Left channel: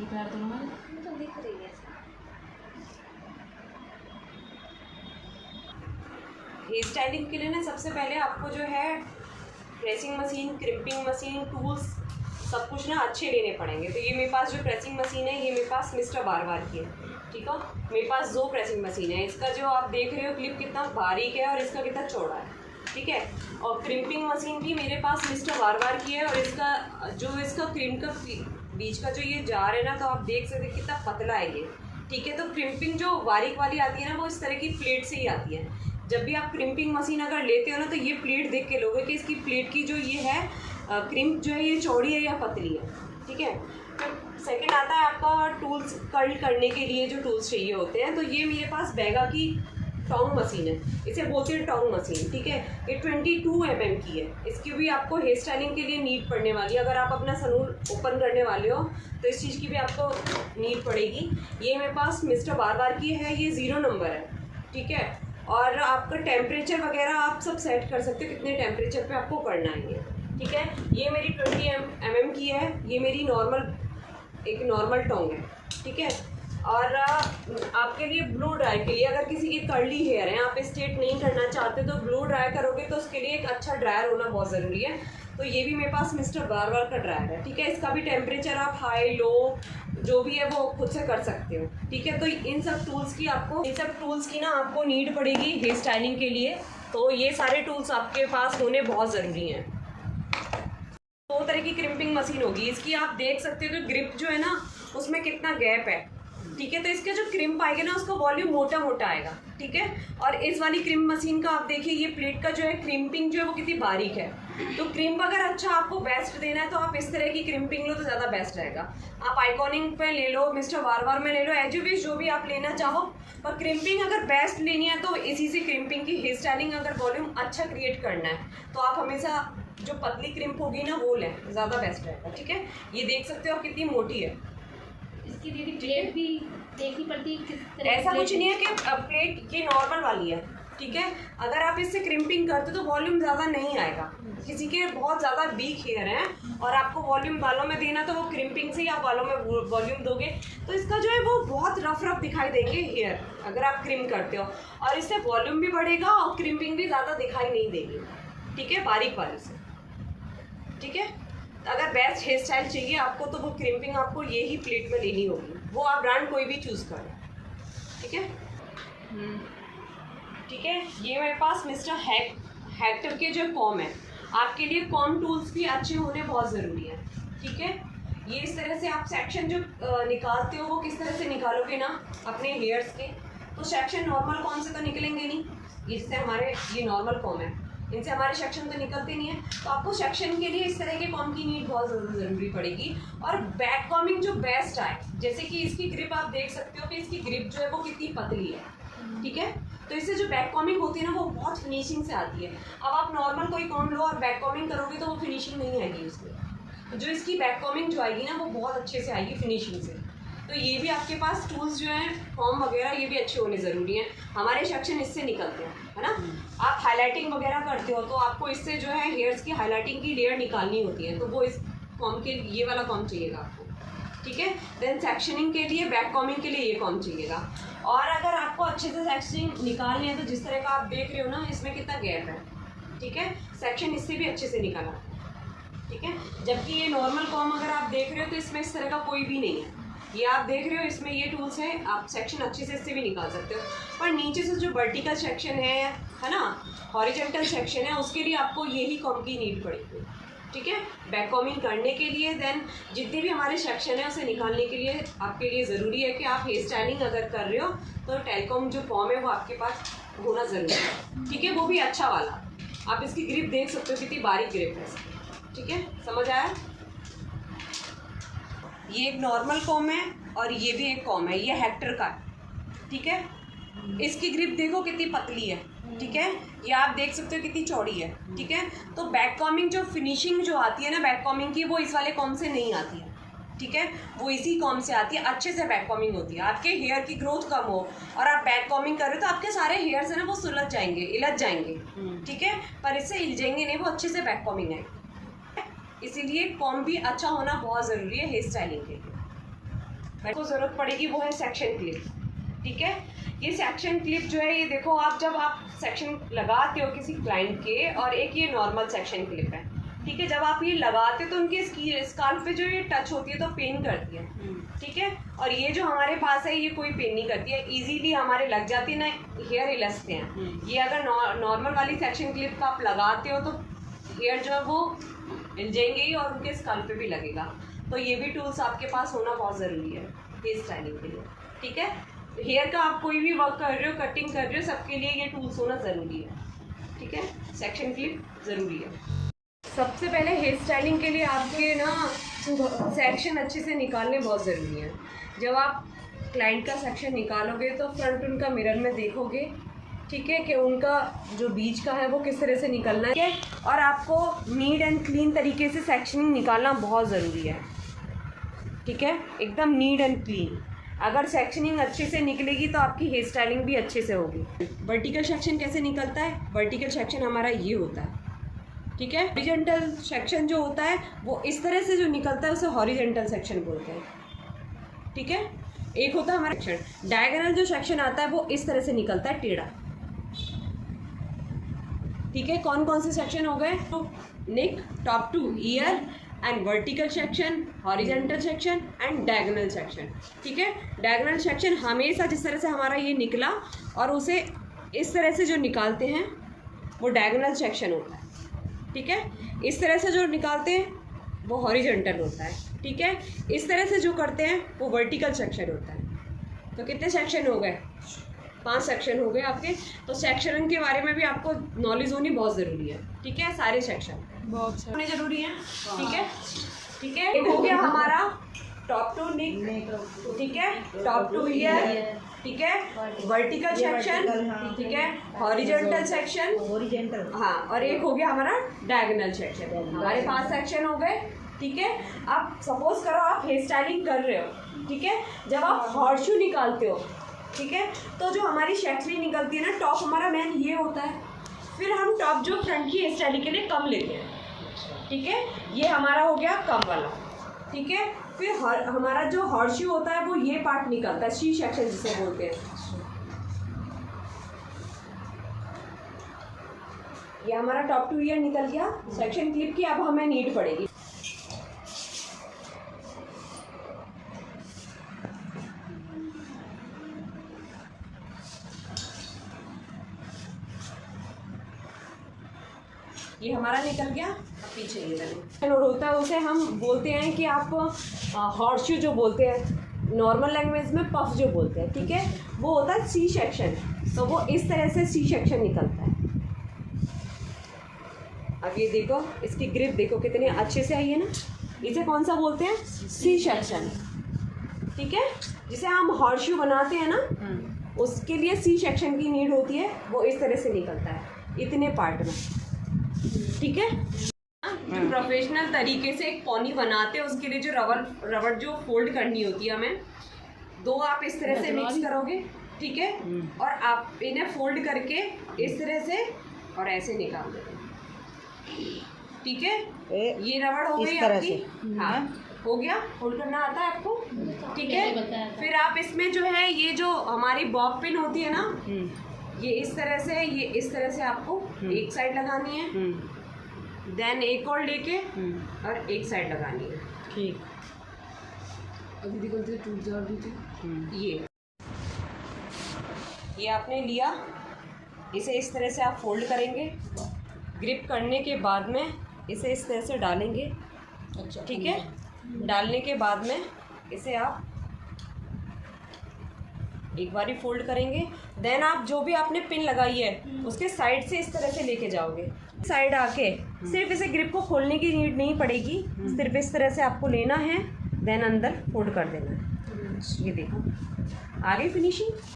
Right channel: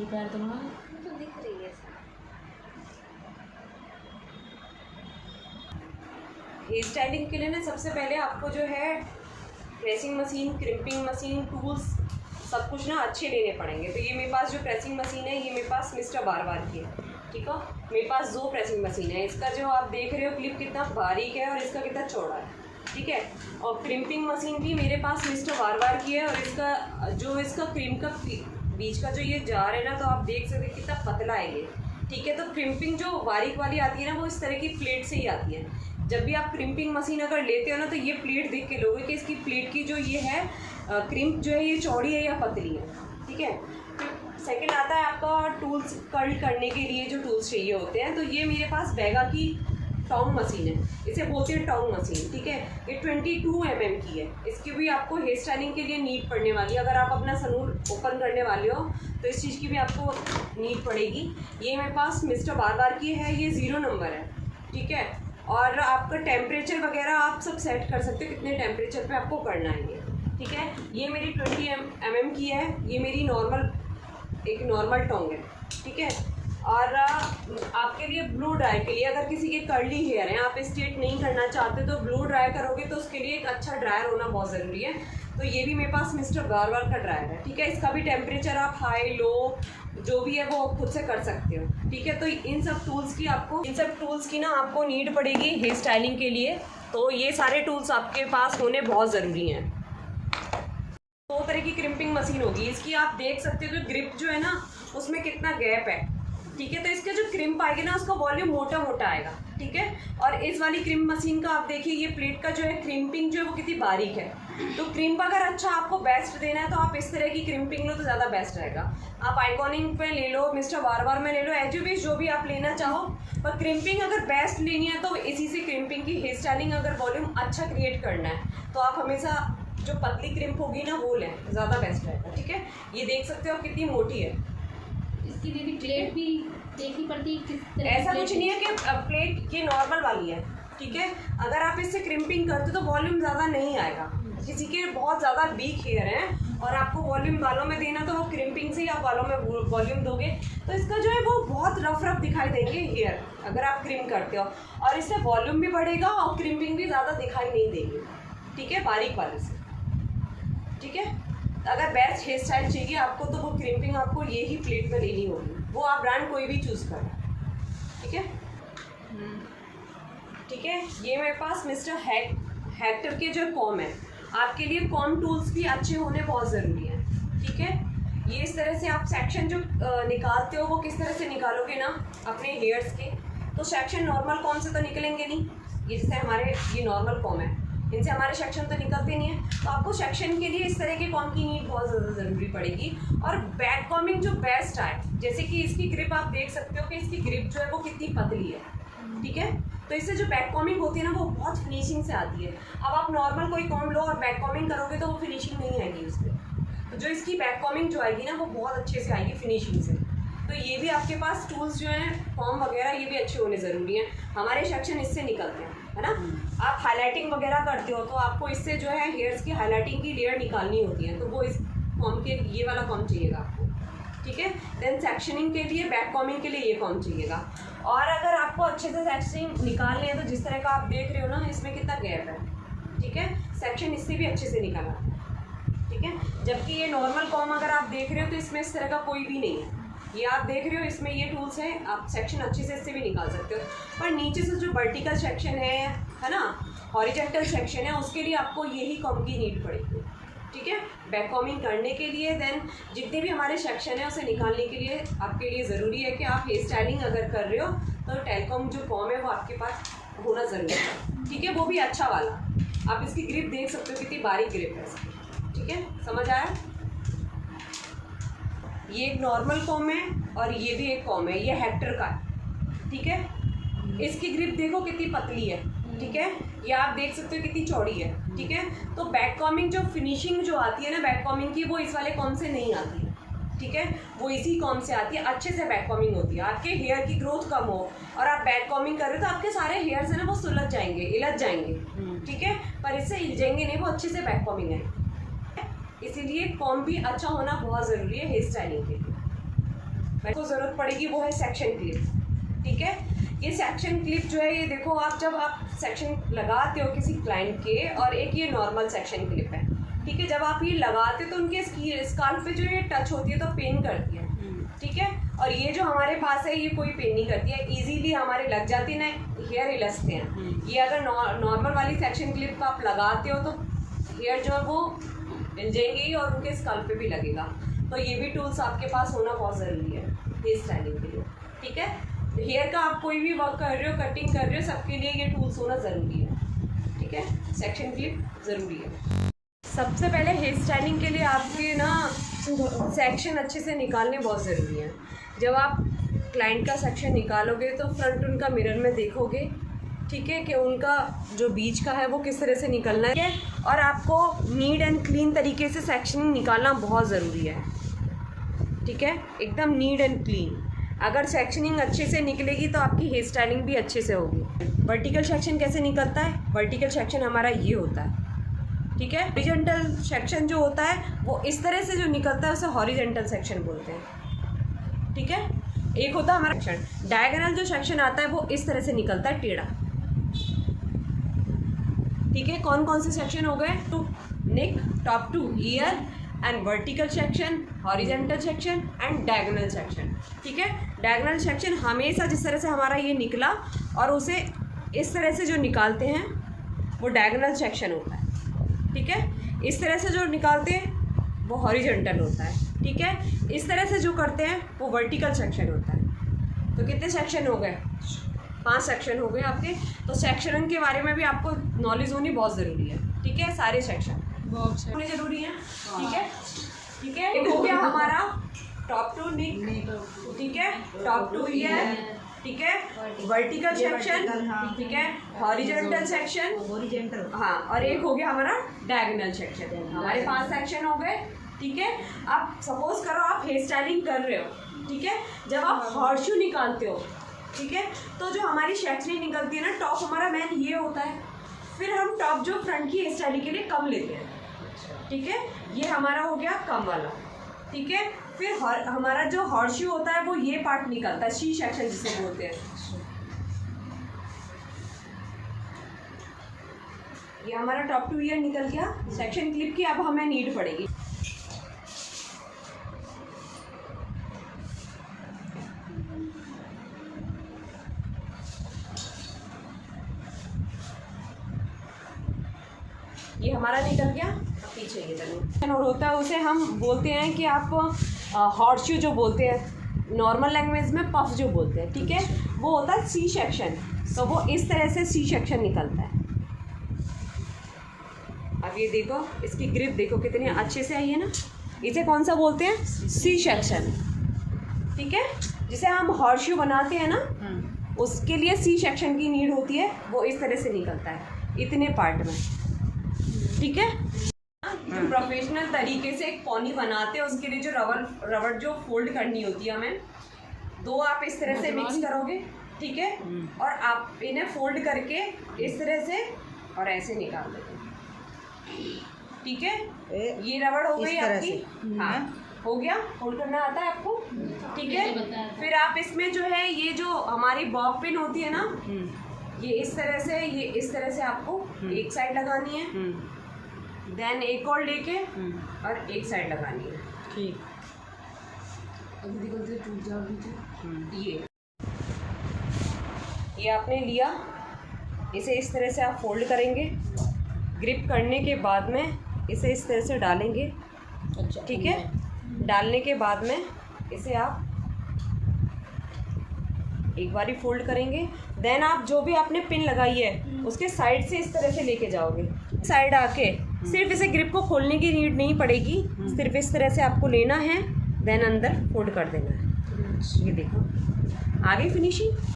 ये पैर तो ना तो दिख रही है। हेयर स्टाइलिंग के लिए ना सबसे पहले आपको जो है pressing machine, crimping machine, tools सब कुछ ना अच्छे लेने पड़ेंगे। तो ये मेरे पास जो प्रेसिंग मशीन है ये मेरे पास मिस्टर बार की है, ठीक है। मेरे पास 2 प्रेसिंग मशीन है। इसका जो आप देख रहे हो क्लिप कितना बारीक है और इसका कितना चौड़ा है, ठीक है। और क्रिम्पिंग मशीन भी मेरे पास मिस्टर बार की है और इसका क्रीम का बीच का जो ये जार है ना, तो आप देख सकते कितना पतला है ये, ठीक है। तो क्रिम्पिंग जो बारीक वाली आती है ना, वो इस तरह की प्लेट से ही आती है। जब भी आप क्रिम्पिंग मशीन अगर लेते हो ना, तो ये प्लेट देख के लोगे कि इसकी प्लेट की जो ये है क्रिम्प जो है ये चौड़ी है या पतली है, ठीक है। फिर सेकंड आता है आपका टूल्स, कर्ल करने के लिए जो टूल्स चाहिए होते हैं। तो ये मेरे पास बैगा की टोंग मशीन है, इसे बोलते हैं टोंग मशीन, ठीक है। ये 22 mm की है। इसकी भी आपको हेयर स्टाइलिंग के लिए नीड पड़ने वाली है। अगर आप अपना सलून ओपन करने वाले हो तो इस चीज़ की भी आपको नीड पड़ेगी। ये मेरे पास मिस्टर बार की है, ये 0 नंबर है, ठीक है। और आपका टेम्परेचर वगैरह आप सब सेट कर सकते हो, कितने टेम्परेचर पे आपको करना है ये, ठीक है। ये मेरी 20 mm की है। ये मेरी एक नॉर्मल टोंग है, ठीक है। और आपके लिए ब्लो ड्राई के लिए, अगर किसी के कर्ली हेयर हैं, आप स्ट्रेट नहीं करना चाहते तो ब्लो ड्राई करोगे तो उसके लिए एक अच्छा ड्रायर होना बहुत ज़रूरी है। तो ये भी मेरे पास मिस्टर बार का ड्रायर है, ठीक है। इसका भी टेम्परेचर आप हाई लो जो भी है वो खुद से कर सकते हो, ठीक है। तो इन सब टूल्स की ना आपको नीड पड़ेगी हेयर स्टाइलिंग के लिए। तो ये सारे टूल्स आपके पास होने बहुत ज़रूरी हैं। 2 तरह की क्रिम्पिंग मशीन होगी। इसकी आप देख सकते हो कि ग्रिप जो है ना उसमें कितना गैप है, ठीक है। तो इसके जो क्रिम्प आएगा ना उसका वॉल्यूम मोटा मोटा आएगा, ठीक है। और इस वाली क्रिम्प मशीन का आप देखिए ये प्लेट का जो है क्रिम्पिंग जो है वो कितनी बारीक है। तो क्रिम्प अगर अच्छा आपको बेस्ट देना है तो आप इस तरह की क्रिम्पिंग लो तो ज़्यादा बेस्ट रहेगा। आप आइकॉनिक पे ले लो, मिस्टर बार में ले लो, एजुविश जो भी आप लेना चाहो। पर क्रिम्पिंग अगर बेस्ट लेनी है तो इसी से क्रिम्पिंग की हेयर स्टाइलिंग अगर वॉल्यूम अच्छा क्रिएट करना है तो आप हमेशा जो पतली क्रिम्प होगी ना वो लें, ज़्यादा बेस्ट रहेगा, ठीक है। ये देख सकते हो कितनी मोटी है। इसकी दीदी प्लेट भी देखनी पड़ती है किस तरह। ऐसा कुछ नहीं है कि प्लेट ये नॉर्मल वाली है, ठीक है। अगर आप इससे क्रिम्पिंग करते तो वॉल्यूम ज़्यादा नहीं आएगा। किसी के बहुत ज़्यादा वीक हेयर हैं और आपको वॉल्यूम बालों में देना तो वो क्रिम्पिंग से ही आप बालों में वॉल्यूम दोगे तो इसका जो है वो बहुत रफ दिखाई देंगे हेयर अगर आप क्रिम करते हो। और इससे वॉल्यूम भी बढ़ेगा और क्रिम्पिंग भी ज़्यादा दिखाई नहीं देगी, ठीक है, बारीक वाले से, ठीक है। अगर बेस्ट हेयर स्टाइल चाहिए आपको तो वो क्रिम्पिंग आपको ये ही प्लेट में लेनी होगी। वो आप ब्रांड कोई भी चूज़ करें, ठीक है। ठीक है। ये मेरे पास मिस्टर हेक्टर के जो कॉम है, आपके लिए कॉम टूल्स भी अच्छे होने बहुत ज़रूरी है, ठीक है। ये इस तरह से आप सेक्शन जो निकालते हो वो किस तरह से निकालोगे ना अपने हेयर्स के, तो सेक्शन नॉर्मल कॉम से तो निकलेंगे नहीं। ये जैसे हमारे ये नॉर्मल कॉम है, इनसे हमारे सेक्शन तो निकलते नहीं है। तो आपको सेक्शन के लिए इस तरह के कॉम की नीड बहुत ज़्यादा ज़रूरी पड़ेगी। और बैक कॉमिंग जो बेस्ट आए, जैसे कि इसकी ग्रिप आप देख सकते हो कि इसकी ग्रिप जो है वो कितनी पतली है, ठीक है। तो इससे जो बैक कॉमिंग होती है ना वो बहुत फिनिशिंग से आती है। अब आप नॉर्मल कोई कॉम लो और बैक कॉमिंग करोगे तो वो फिनिशिंग नहीं आएगी उसमें। तो जो इसकी बैक कॉमिंग जो आएगी ना वो बहुत अच्छे से आएगी फिनिशिंग से। तो ये भी आपके पास टूल्स जो हैं कॉम वगैरह ये भी अच्छे होने ज़रूरी हैं। हमारे सेक्शन इससे निकलते हैं, है ना। आप हाईलाइटिंग वगैरह करते हो तो आपको इससे जो है हेयर्स की हाईलाइटिंग की लेयर निकालनी होती है, तो वो इस कॉम के ये वाला कॉम चाहिएगा आपको, ठीक है। देन सेक्शनिंग के लिए बैक कॉमिंग के लिए ये कॉम चाहिएगा। और अगर आपको अच्छे से सेक्शनिंग निकालनी है तो जिस तरह का आप देख रहे हो ना इसमें कितना गैप है, ठीक है, सेक्शन इससे भी अच्छे से निकाला, ठीक है। जबकि ये नॉर्मल कॉम अगर आप देख रहे हो तो इसमें इस तरह का कोई भी नहीं है। ये आप देख रहे हो इसमें ये टूल्स हैं, आप सेक्शन अच्छे से इससे भी निकाल सकते हो। पर नीचे से जो वर्टिकल सेक्शन है ना, हॉरिजॉन्टल सेक्शन है, उसके लिए आपको यही कॉम की नीड पड़ेगी, ठीक है, बैक कॉमिंग करने के लिए। देन जितने भी हमारे सेक्शन है उसे निकालने के लिए आपके लिए ज़रूरी है कि आप हेयर स्टाइलिंग अगर कर रहे हो तो टेलकॉम जो कॉम है वो आपके पास होना ज़रूरी है, ठीक है। वो भी अच्छा वाला। आप इसकी ग्रिप देख सकते हो कितनी बारीक ग्रिप है इसकी, ठीक है, समझ आया। ये एक नॉर्मल कॉम है और ये भी एक कॉम है, ये हेक्टर का है, ठीक है। इसकी ग्रिप देखो कितनी पतली है, ठीक है। ये आप देख सकते हो कितनी चौड़ी है, ठीक है। तो बैक कॉमिंग जो फिनिशिंग जो आती है ना बैक कॉमिंग की वो इस वाले कॉम से नहीं आती है, ठीक है, वो इसी कॉम से आती है। अच्छे से बैक कॉमिंग होती है। आपके हेयर की ग्रोथ कम हो और आप बैक कॉमिंग कर रहे हो तो आपके सारे हेयर्स है ना वो सुलझ जाएंगे, इलझ जाएंगे, ठीक है। पर इससे इलझेंगे नहीं, वो अच्छे से बैक कॉमिंग है। इसीलिए कॉम भी अच्छा होना बहुत ज़रूरी है हेयर स्टाइलिंग के लिए। मेरे को ज़रूरत पड़ेगी वो है सेक्शन क्लिप। ठीक है, ये सेक्शन क्लिप जो है ये देखो आप जब आप सेक्शन लगाते हो किसी क्लाइंट के, और एक ये नॉर्मल सेक्शन क्लिप है। ठीक है, जब आप ये लगाते हो तो उनके स्काल्प पे जो ये टच होती है तो पेन करती है। ठीक है, और ये जो हमारे पास है ये कोई पेन नहीं करती है, इजीली हमारे लग जाती है ना, हेयर हिलसते हैं। ये अगर नॉर्मल वाली सेक्शन क्लिप आप लगाते हो तो हेयर जो है वो हिल जाएंगे ही और उनके स्काल्प पे भी लगेगा। तो ये भी टूल्स आपके पास होना बहुत ज़रूरी है हेयर स्टाइलिंग के लिए। ठीक है, हेयर का आप कोई भी वर्क कर रहे हो, कटिंग कर रहे हो, सबके लिए ये टूल्स होना ज़रूरी है। ठीक है, सेक्शन क्लिप ज़रूरी है। सबसे पहले हेयर स्टाइलिंग के लिए आपके ना सेक्शन अच्छे से निकालने बहुत ज़रूरी है। जब आप क्लाइंट का सेक्शन निकालोगे तो फ्रंट उनका मिरर में देखोगे, ठीक है, कि उनका जो बीच का है वो किस तरह से निकलना है, और आपको नीट एंड क्लीन तरीके से सेक्शनिंग निकालना बहुत ज़रूरी है। ठीक है, एकदम नीट एंड क्लीन। अगर सेक्शनिंग अच्छे से निकलेगी तो आपकी हेयर स्टाइलिंग भी अच्छे से होगी। वर्टिकल सेक्शन कैसे निकलता है? वर्टिकल सेक्शन हमारा ये होता है। ठीक है, हॉरिजॉन्टल सेक्शन जो होता है वो इस तरह से जो निकलता है उसे हॉरिजॉन्टल सेक्शन बोलते हैं। ठीक है, एक होता है हमारा सेक्शन। डायगोनल जो सेक्शन आता है वो इस तरह से निकलता है, टेढ़ा। ठीक है, कौन कौन से सेक्शन हो गए? तो neck, top to ear, and vertical section, horizontal section and diagonal section. ठीक है, डायगोनल सेक्शन हमेशा जिस तरह से हमारा ये निकला और उसे इस तरह से जो निकालते हैं वो डायगोनल सेक्शन होता है। ठीक है, इस तरह से जो निकालते हैं वो हॉरिजॉन्टल होता है। ठीक है, इस तरह से जो करते हैं वो वर्टिकल सेक्शन होता है। तो कितने सेक्शन हो गए? 5 सेक्शन हो गए आपके। तो सेक्शन के बारे में भी आपको नॉलेज होनी बहुत ज़रूरी है। ठीक है, सारे सेक्शन होने ज़रूरी है। ठीक है, ठीक है, एक हो गया हमारा टॉप टू नेक, ठीक है, टॉप टू ईयर, ठीक है, वर्टिकल सेक्शन, ठीक है, हॉरिजॉन्टल सेक्शन, हॉरिजॉन्टल, हाँ, और एक हो गया हमारा डायगोनल सेक्शन। हमारे 5 सेक्शन हो गए। ठीक है, आप सपोज करो आप हेयर स्टाइलिंग कर रहे हो। ठीक है, जब आप हॉर्सशू निकालते हो, ठीक है, तो जो हमारी सेक्शनिंग निकलती है ना, टॉप हमारा मेन ये होता है। फिर हम टॉप जो फ्रंट की हेयर स्टाइलिंग के लिए कम लेते हैं। ठीक है, ये हमारा हो गया कम वाला। ठीक है, फिर हमारा जो हॉर्सशू होता है वो ये पार्ट निकलता है, सी सेक्शन जिसे बोलते हैं। ये हमारा टॉप टू ईयर निकल गया। सेक्शन क्लिप की अब हमें नीड पड़ेगी। ये हमारा निकल गया, पीछे ये वाला होता है, उसे हम बोलते हैं कि आप हॉर्सशू जो बोलते हैं, नॉर्मल लैंग्वेज में पफ जो बोलते हैं। ठीक है, वो होता है सी सेक्शन। तो वो इस तरह से सी सेक्शन निकलता है। अब ये देखो, इसकी ग्रिप देखो कितनी अच्छे से आई है ना। इसे कौन सा बोलते हैं? C section. ठीक है, जिसे हम हॉर्सशू बनाते हैं ना, उसके लिए सी सेक्शन की नीड होती है। वो इस तरह से निकलता है इतने पार्ट में। ठीक है, जो प्रोफेशनल तरीके से एक पॉनी बनाते हैं उसके लिए जो रबड़ जो फोल्ड करनी होती है हमें, 2 आप इस तरह से मिक्स करोगे। ठीक है, और आप इन्हें फोल्ड करके इस तरह से और ऐसे निकाल देंगे। ठीक है, ये रबड़ हो गई आपकी। हाँ, हो गया, फोल्ड करना आता है आपको। ठीक है, फिर आप इसमें जो है ये जो हमारी बॉब पिन होती है ना, ये इस तरह से, ये इस तरह से आपको एक साइड लगानी है, देन एक और लेके और एक साइड लगानी है। ठीक, ये आपने लिया, इसे इस तरह से आप फोल्ड करेंगे। ग्रिप करने के बाद में इसे इस तरह से डालेंगे। अच्छा, ठीक है, डालने के बाद में इसे आप एक बारी फोल्ड करेंगे। देन आप जो भी आपने पिन लगाई है उसके साइड से इस तरह से लेके जाओगे। साइड आके सिर्फ इसे ग्रिप को खोलने की नीड नहीं पड़ेगी, सिर्फ इस तरह से आपको लेना है, देन अंदर फोल्ड कर देना है। ये देखो, आ गई फिनिशिंग।